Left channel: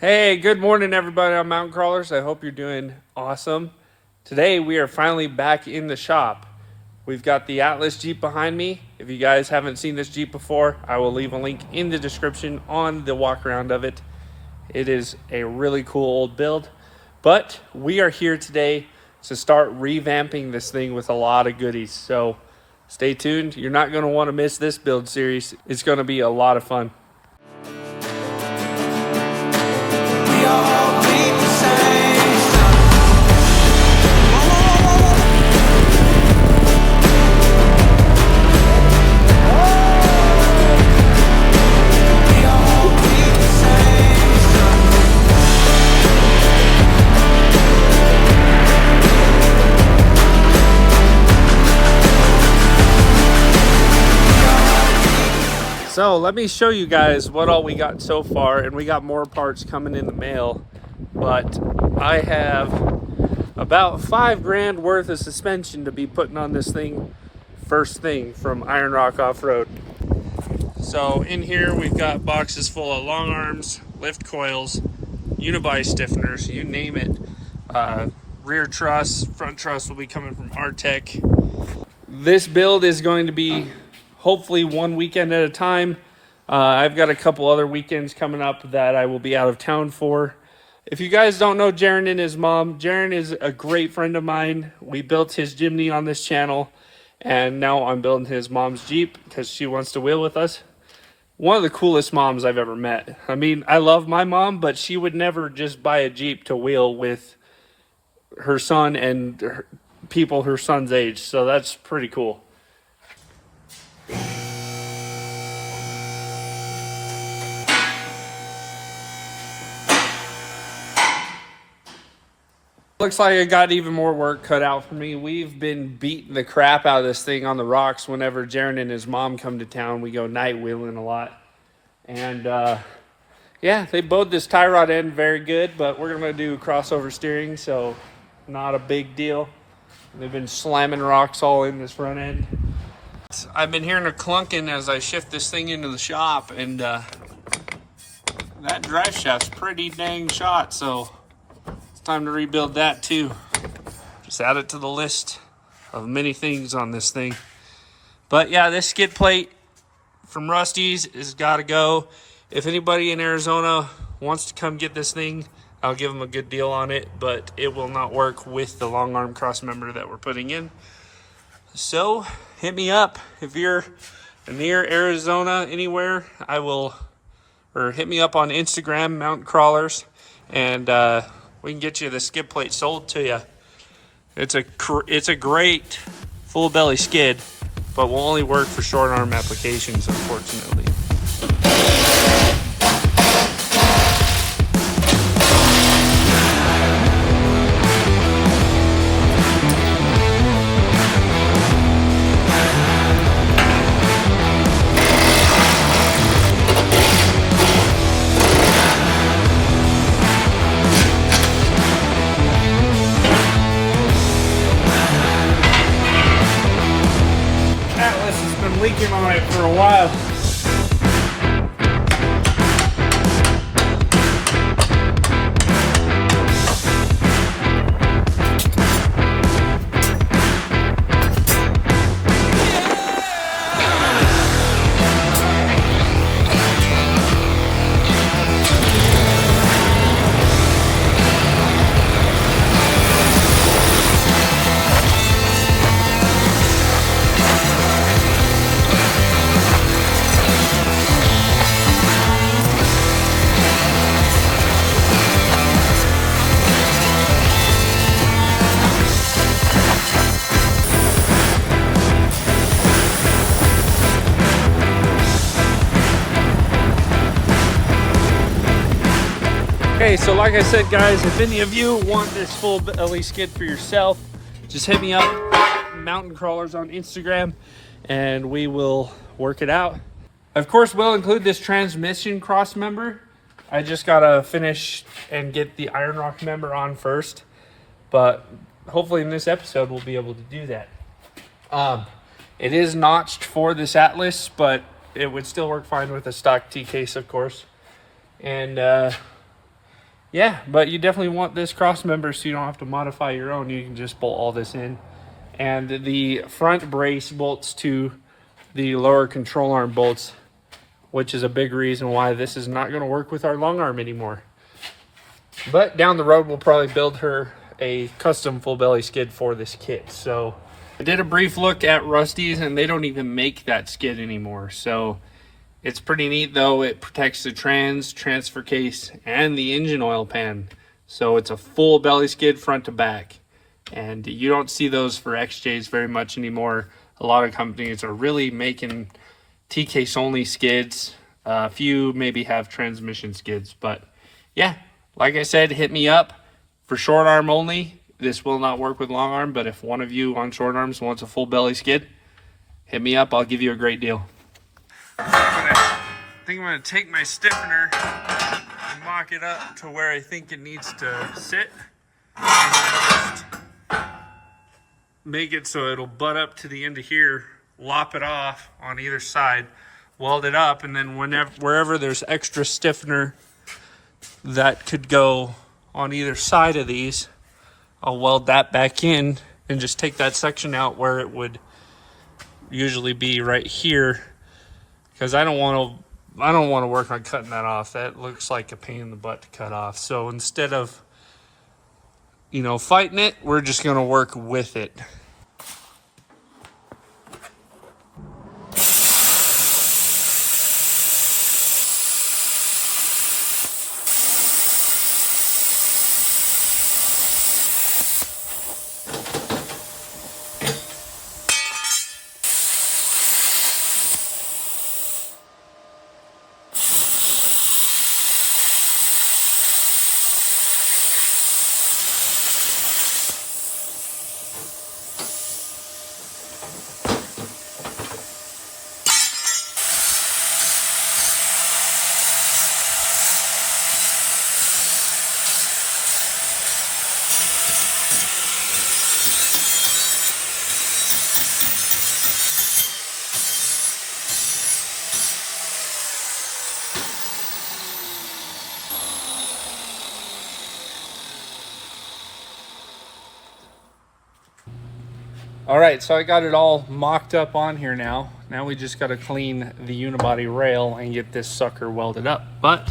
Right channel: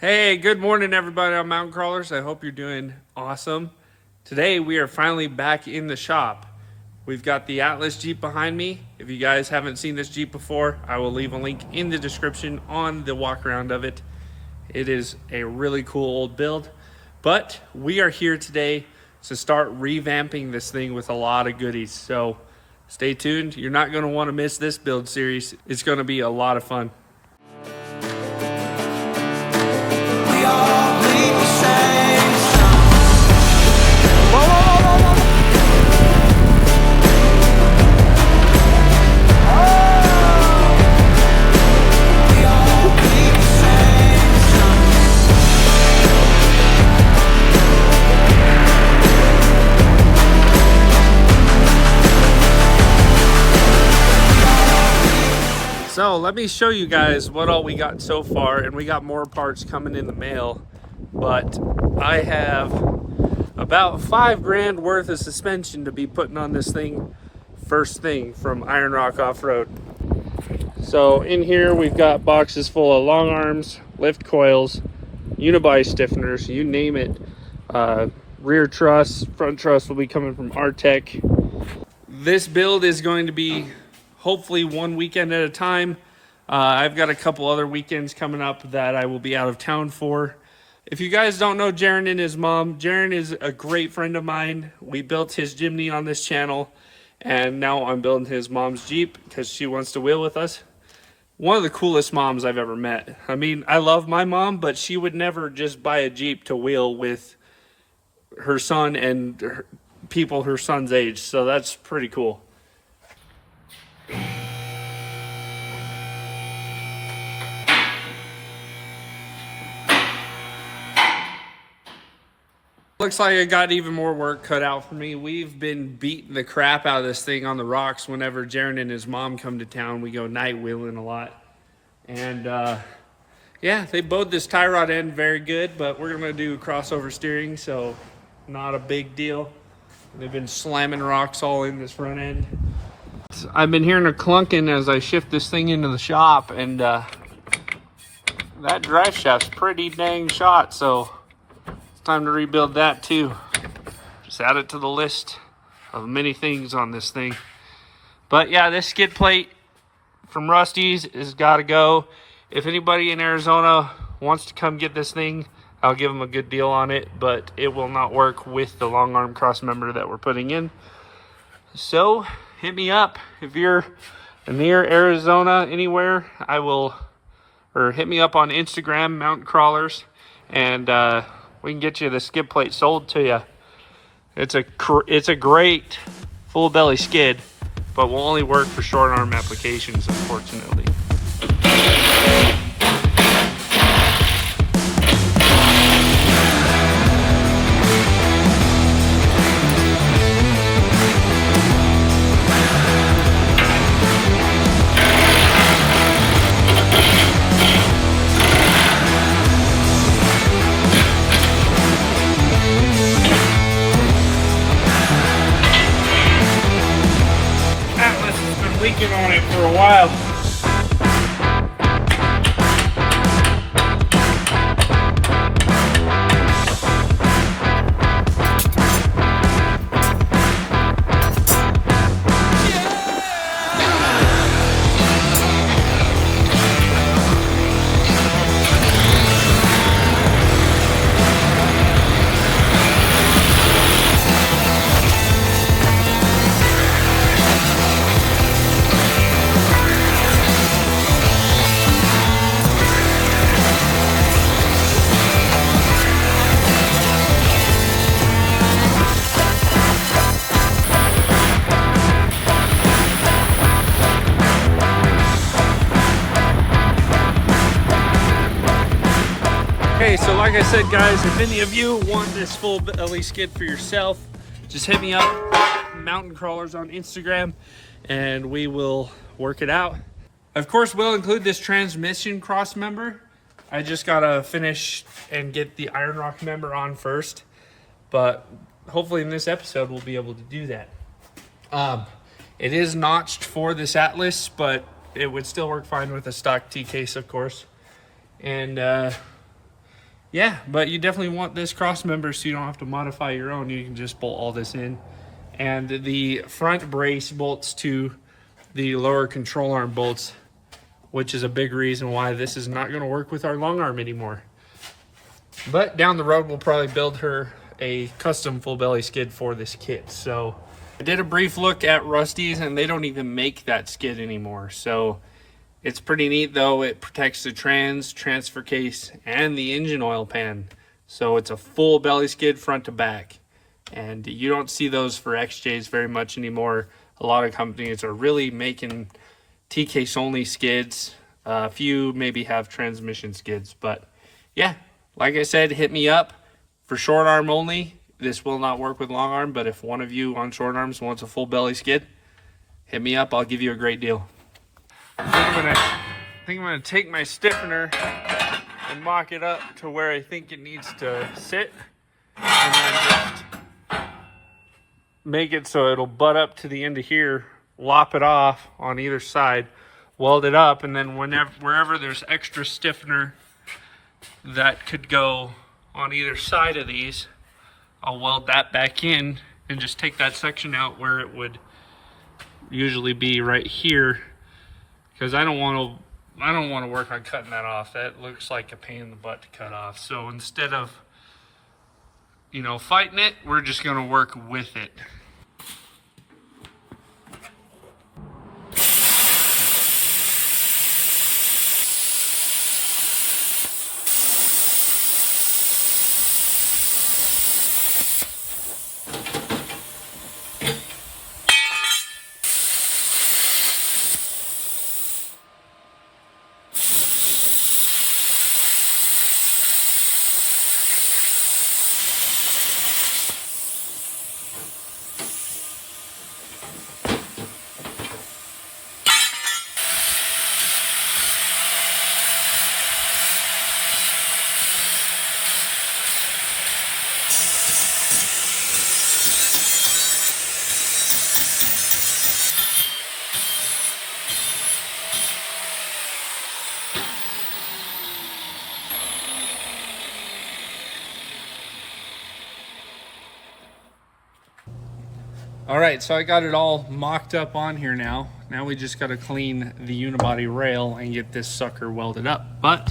Hey, good morning, everybody on Mountain Crawlers. I hope you're doing awesome. Today, we are finally back in the shop. We've got the Atlas Jeep behind me. If you guys haven't seen this Jeep before, I will leave a link in the description on the walk around of it. It is a really cool old build, but we are here today to start revamping this thing with a lot of goodies. So stay tuned. You're not going to want to miss this build series. It's going to be a lot of fun. All bleed the same. We all bleed the same. So let me show you guys what all we got so far, and we got more parts coming in the mail, but I have about $5 grand worth of suspension to be putting on this thing first thing from Iron Rock Off-Road. So in here we've got boxes full of long arms, lift coils, unibuy stiffeners, you name it. Rear truss, front truss will be coming from Artec. This build is going to be hopefully one weekend at a time. I've got a couple other weekends coming up that I will be out of town for. If you guys don't know Jaron and his mom, Jaron is a great friend of mine. We built his Jimny on this channel, and now I'm building his mom's Jeep because she wants to wheel with us. One of the coolest moms I've ever met. I mean, I love my mom, but she would never just buy a Jeep to wheel with her son and people her son's age, so that's pretty cool. Looks like I got even more work cut out for me. We've been beating the crap out of this thing on the rocks whenever Jaron and his mom come to town. We go night wheeling a lot. And yeah, they bowed this tie rod end very good, but we're gonna do crossover steering, so not a big deal. They've been slamming rocks all in this front end. I've been hearing a clunking as I shift this thing into the shop, and that drive shaft's pretty dang shot, so time to rebuild that too. Just add it to the list of many things on this thing. But yeah, this skid plate from Rusty's has got to go. If anybody in Arizona wants to come get this thing, I'll give them a good deal on it, but it will not work with the long arm Crossmember that we're putting in. So hit me up if you're near Arizona anywhere. Or hit me up on Instagram, Mountain Crawlers, and we can get you the skid plate sold to you. It's a great full belly skid, but will only work for short arm applications, unfortunately. Leaking on it for a while. Okay, so like I said, guys, if any of you want this full belly skid for yourself, just hit me up, Mountain Crawlers on Instagram, and we will work it out. Of course, we'll include this transmission cross member. I just gotta finish and get the Iron Rock member on first, but hopefully in this episode we'll be able to do that. It is notched for this Atlas, but it would still work fine with a stock T case, of course. And Yeah, but you definitely want this cross member so you don't have to modify your own. You can just bolt all this in. And the front brace bolts to the lower control arm bolts, which is a big reason why this is not going to work with our long arm anymore. But down the road, we'll probably build her a custom full belly skid for this kit. So I did a brief look at Rusty's, and they don't even make that skid anymore. So it's pretty neat though. It protects the transfer case, and the engine oil pan. So it's a full belly skid front to back. And you don't see those for XJs very much anymore. A lot of companies are really making T-case only skids. A few maybe have transmission skids, but yeah, like I said, hit me up for short arm only. This will not work with long arm, but if one of you on short arms wants a full belly skid, hit me up. I'll give you a great deal. I think I'm gonna take my stiffener and mock it up to where I think it needs to sit, and then just make it so it'll butt up to the end of here, lop it off on either side, weld it up, and then wherever there's extra stiffener that could go on either side of these, I'll weld that back in and just take that section out where it would usually be right here, because I don't want to work on cutting that off. That looks like a pain in the butt to cut off. So instead of, you know, fighting it, we're just going to work with it. All right, so I got it all mocked up on here now. Now we just got to clean the unibody rail and get this sucker welded up. But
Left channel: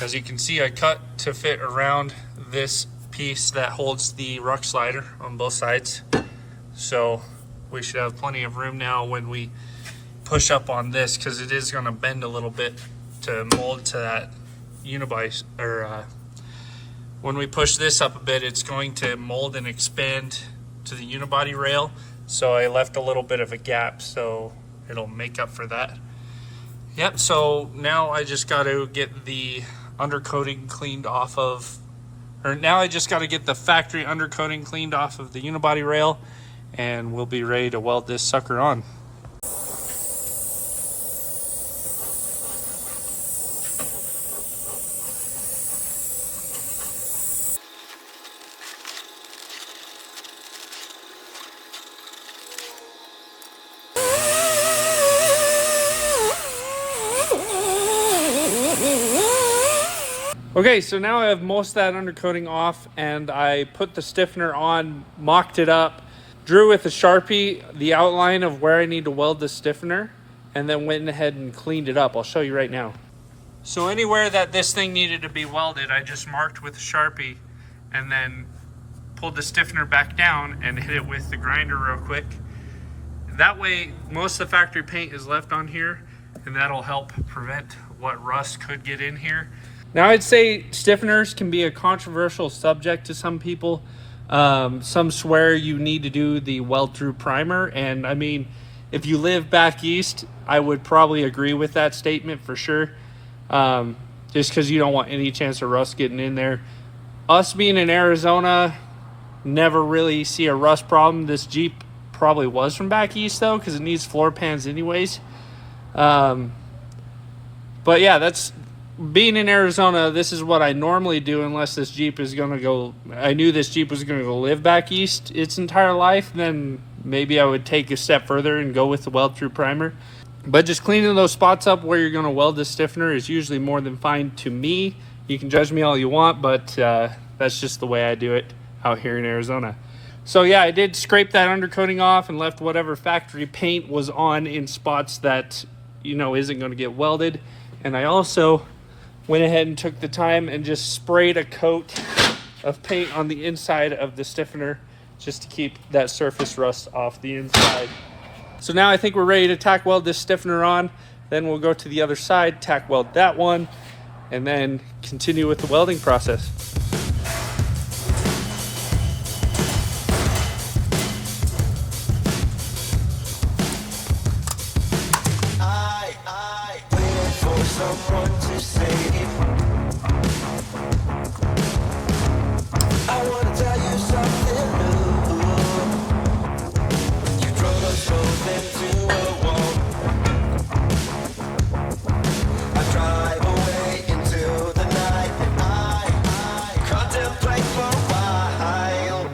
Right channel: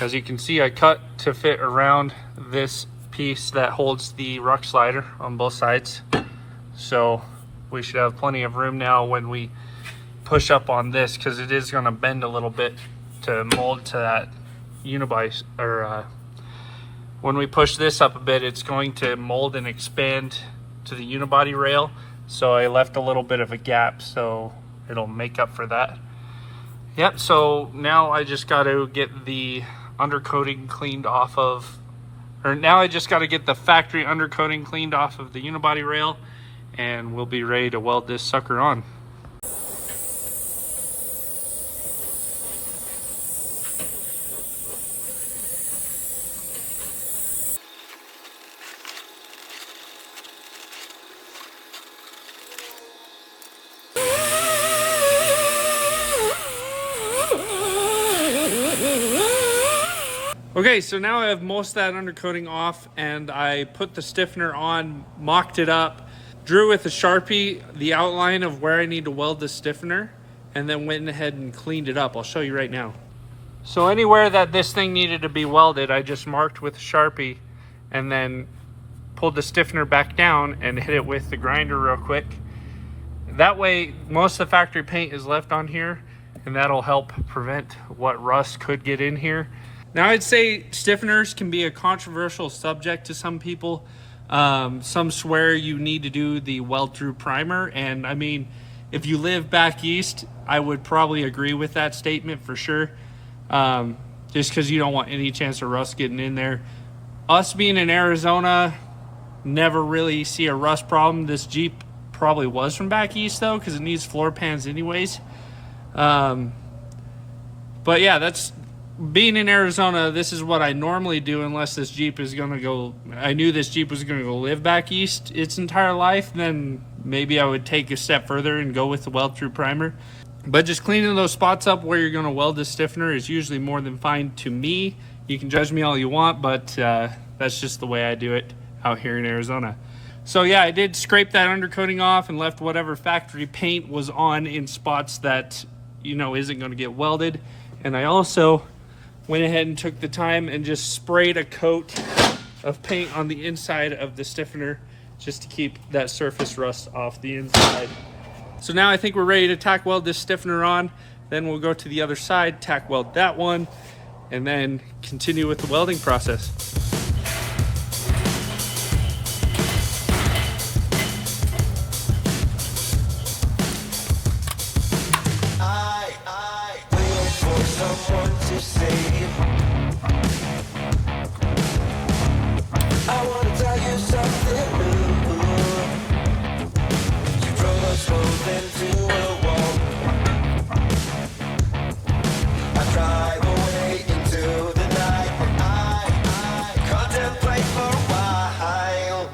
as you can see, I cut to fit around this piece that holds the ruck slider on both sides. So we should have plenty of room now when we push up on this, because it is going to bend a little bit to mold to that unibody, or when we push this up a bit, it's going to mold and expand to the unibody rail. So I left a little bit of a gap, so it'll make up for that. Yep, so now I just got to get the undercoating cleaned off of, or now I just got to get the factory undercoating cleaned off of the unibody rail, and we'll be ready to weld this sucker on. Okay, so now I have most of that undercoating off, and I put the stiffener on, mocked it up, drew with a Sharpie the outline of where I need to weld the stiffener, and then went ahead and cleaned it up. I'll show you right now. So anywhere that this thing needed to be welded, I just marked with a Sharpie and then pulled the stiffener back down and hit it with the grinder real quick. That way, most of the factory paint is left on here, and that'll help prevent what rust could get in here. Now, I'd say stiffeners can be a controversial subject to some people. Some swear you need to do the weld-through primer, and I mean, if you live back east, I would probably agree with that statement for sure, just because you don't want any chance of rust getting in there. Us being in Arizona, never really see a rust problem. This Jeep probably was from back east, though, because it needs floor pans anyways. But yeah, that's... Being in Arizona, this is what I normally do unless this Jeep is going to go... I knew this Jeep was going to go live back east its entire life, then maybe I would take a step further and go with the weld-through primer. But just cleaning those spots up where you're going to weld the stiffener is usually more than fine to me, You can judge me all you want, but that's just the way I do it out here in Arizona. So yeah, I did scrape that undercoating off and left whatever factory paint was on in spots that, you know, isn't going to get welded. And I also went ahead and took the time and just sprayed a coat of paint on the inside of the stiffener just to keep that surface rust off the inside. So now I think we're ready to tack weld this stiffener on. Then we'll go to the other side, tack weld that one, and then continue with the welding process. I wait for someone to save. I wanna tell you something new. You drove us both into a wall. I drive away into the night, and I contemplate for a while.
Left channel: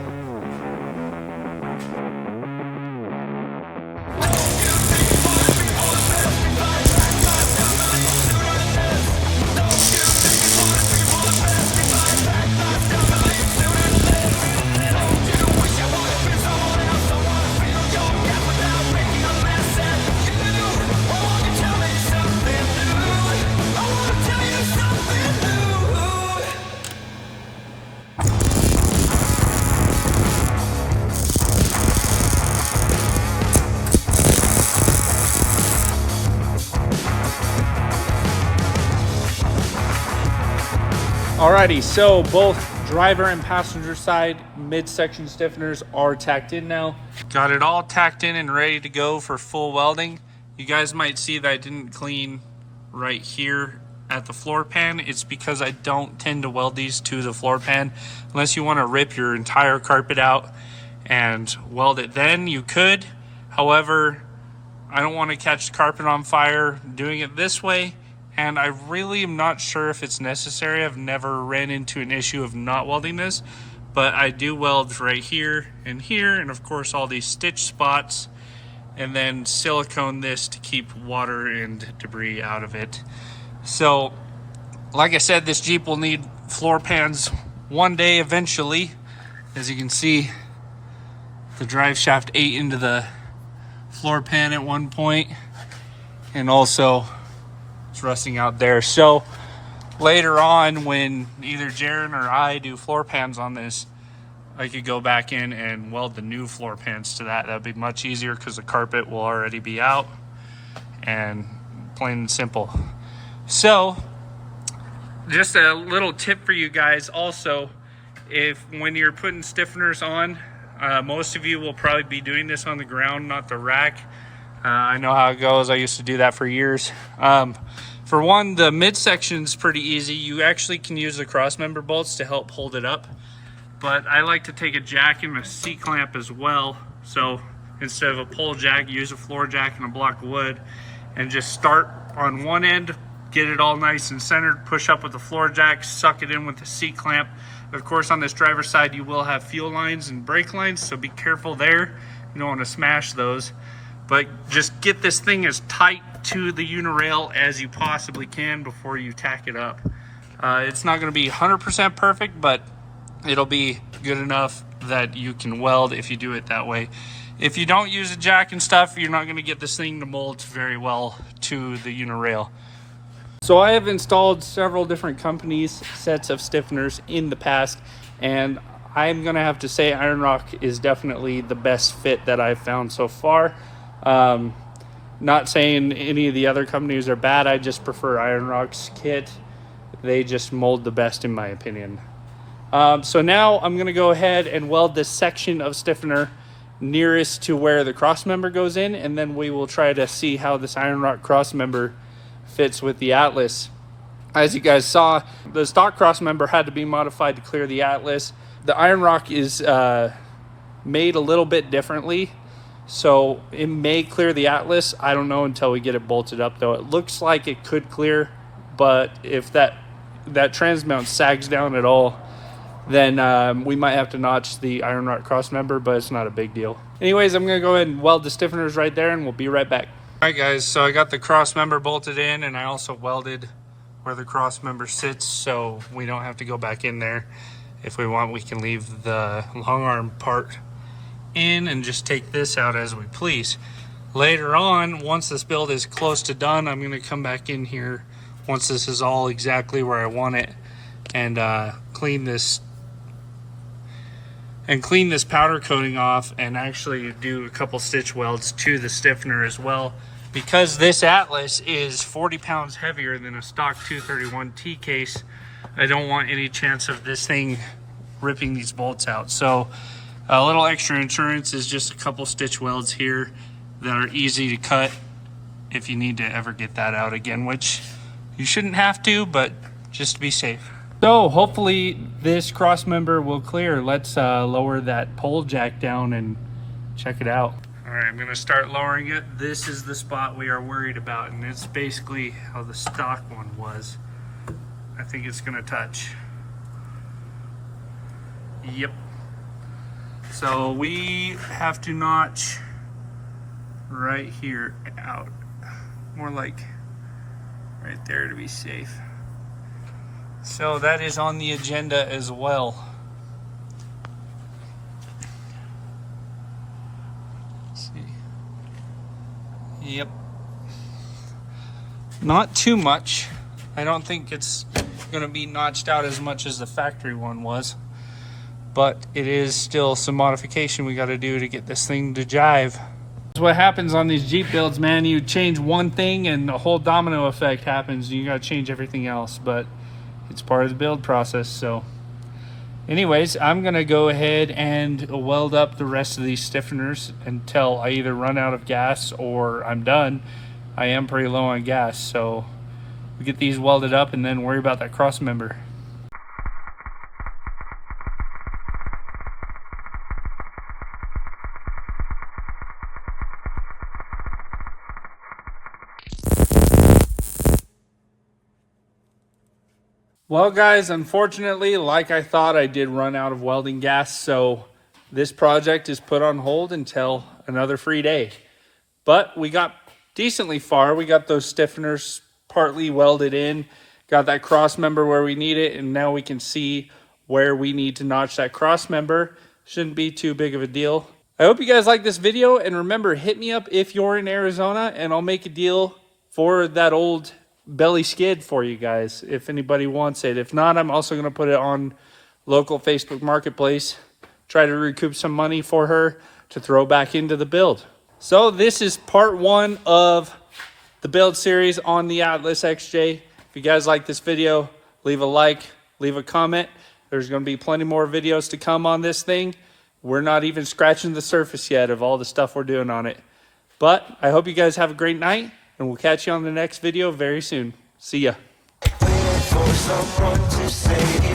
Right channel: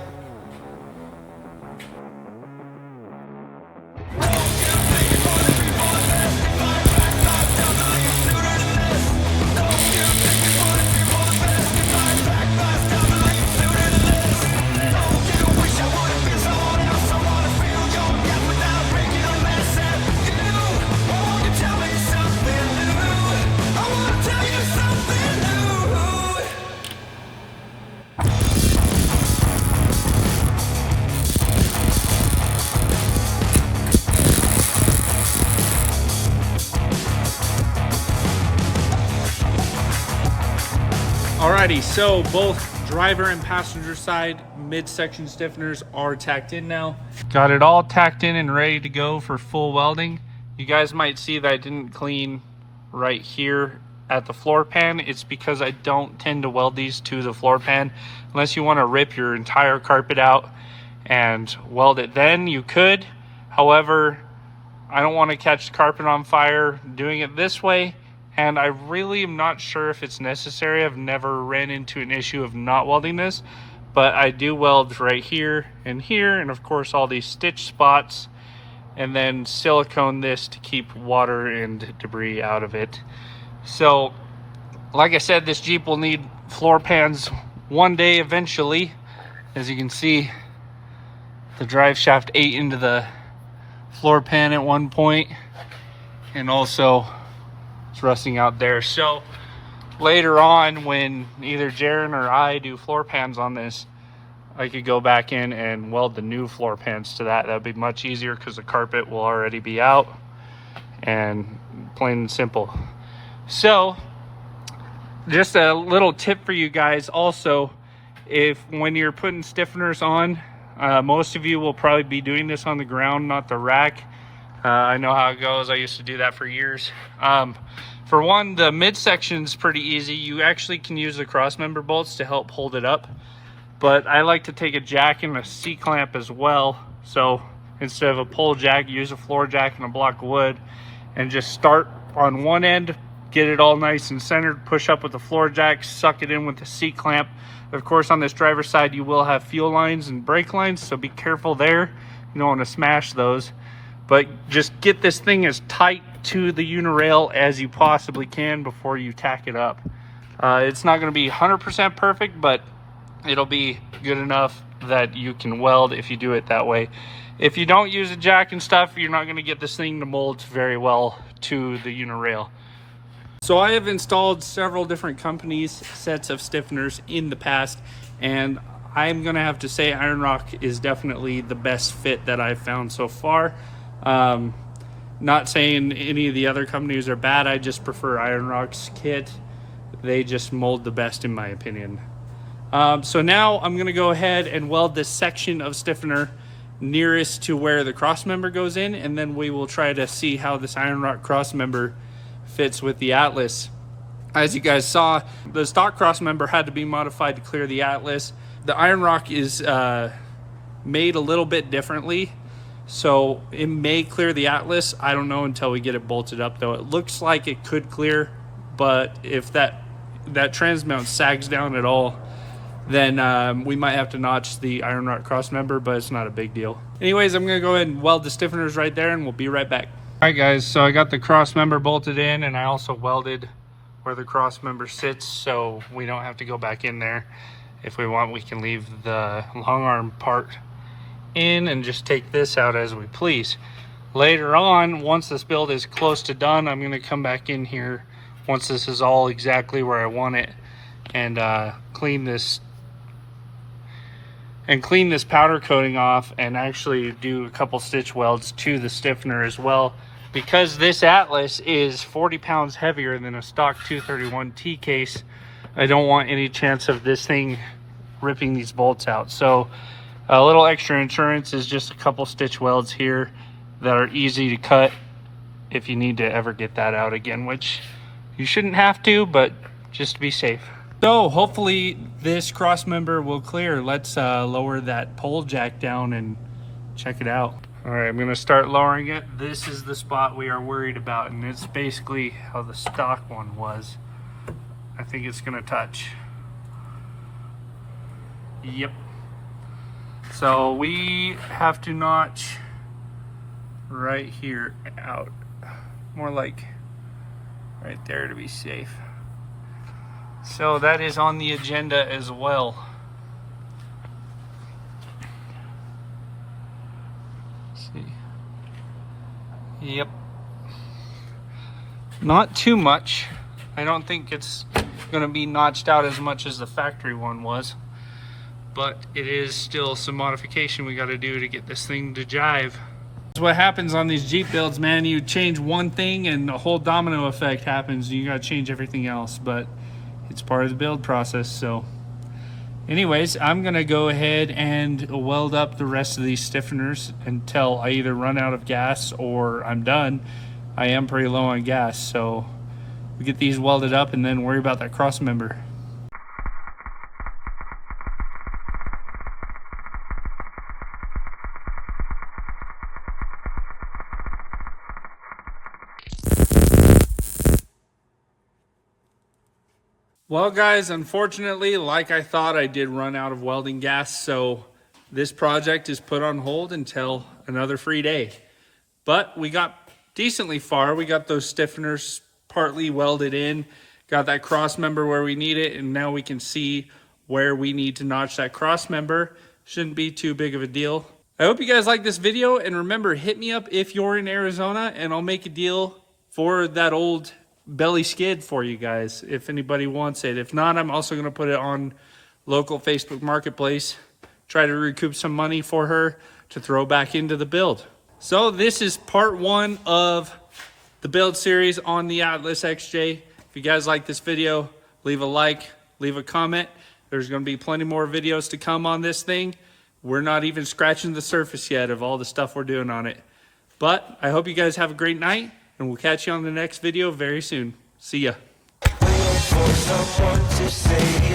Alrighty, so both driver and passenger side midsection stiffeners are tacked in now. Got it all tacked in and ready to go for full welding. You guys might see that I didn't clean right here at the floor pan. It's because I don't tend to weld these to the floor pan. Unless you want to rip your entire carpet out and weld it, then you could. However, I don't want to catch the carpet on fire doing it this way. And I really am not sure if it's necessary. I've never ran into an issue of not welding this, but I do weld right here, and of course all these stitch spots, and then silicone this to keep water and debris out of it. So, like I said, this Jeep will need floor pans one day eventually. As you can see, the drive shaft ate into the floor pan at one point, and also rusting out there. So later on, when either Jaron or I do floor pans on this, I could go back in and weld the new floor pans to that. That'd be much easier because the carpet will already be out, and plain and simple. So just a little tip for you guys also, if when you're putting stiffeners on, most of you will probably be doing this on the ground, not the rack. I know how it goes. I used to do that for years. For one, the midsection is pretty easy. You actually can use the crossmember bolts to help hold it up. But I like to take a jack and a C-clamp as well. So instead of a pole jack, use a floor jack and a block of wood, and just start on one end, get it all nice and centered, push up with the floor jack, suck it in with the C-clamp. Of course, on this driver's side, you will have fuel lines and brake lines, so be careful there. You don't want to smash those. But just get this thing as tight to the unirail as you possibly can before you tack it up. It's not going to be 100% perfect, but it'll be good enough that you can weld if you do it that way. If you don't use a jack and stuff, you're not going to get this thing to mold very well to the unirail. So I have installed several different companies' sets of stiffeners in the past, and I'm going to have to say Iron Rock is definitely the best fit that I've found so far. Not saying any of the other companies are bad. I just prefer Iron Rock's kit. They just mold the best in my opinion. So now I'm going to go ahead and weld this section of stiffener nearest to where the crossmember goes in, and then we will try to see how this Iron Rock crossmember fits with the Atlas. As you guys saw, the stock crossmember had to be modified to clear the Atlas. The Iron Rock is made a little bit differently, so it may clear the Atlas. I don't know until we get it bolted up, though. It looks like it could clear, but if that transmount sags down at all, then we might have to notch the Iron Rock crossmember, but it's not a big deal. Anyways, I'm going to go ahead and weld the stiffeners right there, and we'll be right back. All right, guys, so I got the crossmember bolted in, and I also welded where the cross member sits, so we don't have to go back in there. If we want, we can leave the long arm part in and just take this out as we please. Later on, once this build is close to done, I'm going to come back in here once this is all exactly where I want it, and clean this powder coating off, and actually do a couple stitch welds to the stiffener as well, because this Atlas is 40 pounds heavier than a stock 231T case. I don't want any chance of this thing ripping these bolts out. So a little extra insurance is just a couple stitch welds here that are easy to cut if you need to ever get that out again, which you shouldn't have to, but just to be safe. So hopefully this cross member will clear. Let's lower that pole jack down and check it out. All right, I'm gonna start lowering it. This is the spot we are worried about, and it's basically how the stock one was. I think it's gonna touch. Yep. So we have to notch right here out. More like right there to be safe. So that is on the agenda as well. Let's see. Yep. Not too much. I don't think it's going to be notched out as much as the factory one was, but it is still some modification we got to do to get this thing to jive. That's what happens on these Jeep builds, man. You change one thing and the whole domino effect happens, and you got to change everything else, but it's part of the build process. So anyways, I'm gonna go ahead and weld up the rest of these stiffeners until I either run out of gas or I'm done. I am pretty low on gas, so we get these welded up and then worry about that cross member. Well guys, unfortunately, like I thought, I did run out of welding gas, so this project is put on hold until another free day. But we got decently far. We got those stiffeners partly welded in, got that cross member where we need it, and now we can see where we need to notch that cross member. Shouldn't be too big of a deal. I hope you guys like this video, and remember, hit me up if you're in Arizona and I'll make a deal for that old belly skid for you guys if anybody wants it. If not, I'm also going to put it on local Facebook Marketplace, try to recoup some money for her to throw back into the build. So this is part one of the build series on the Atlas XJ. If you guys like this video, leave a like, leave a comment. There's going to be plenty more videos to come on this thing. We're not even scratching the surface yet of all the stuff we're doing on it. But I hope you guys have a great night, and we'll catch you on the next video very soon. See ya. Waiting for someone to save.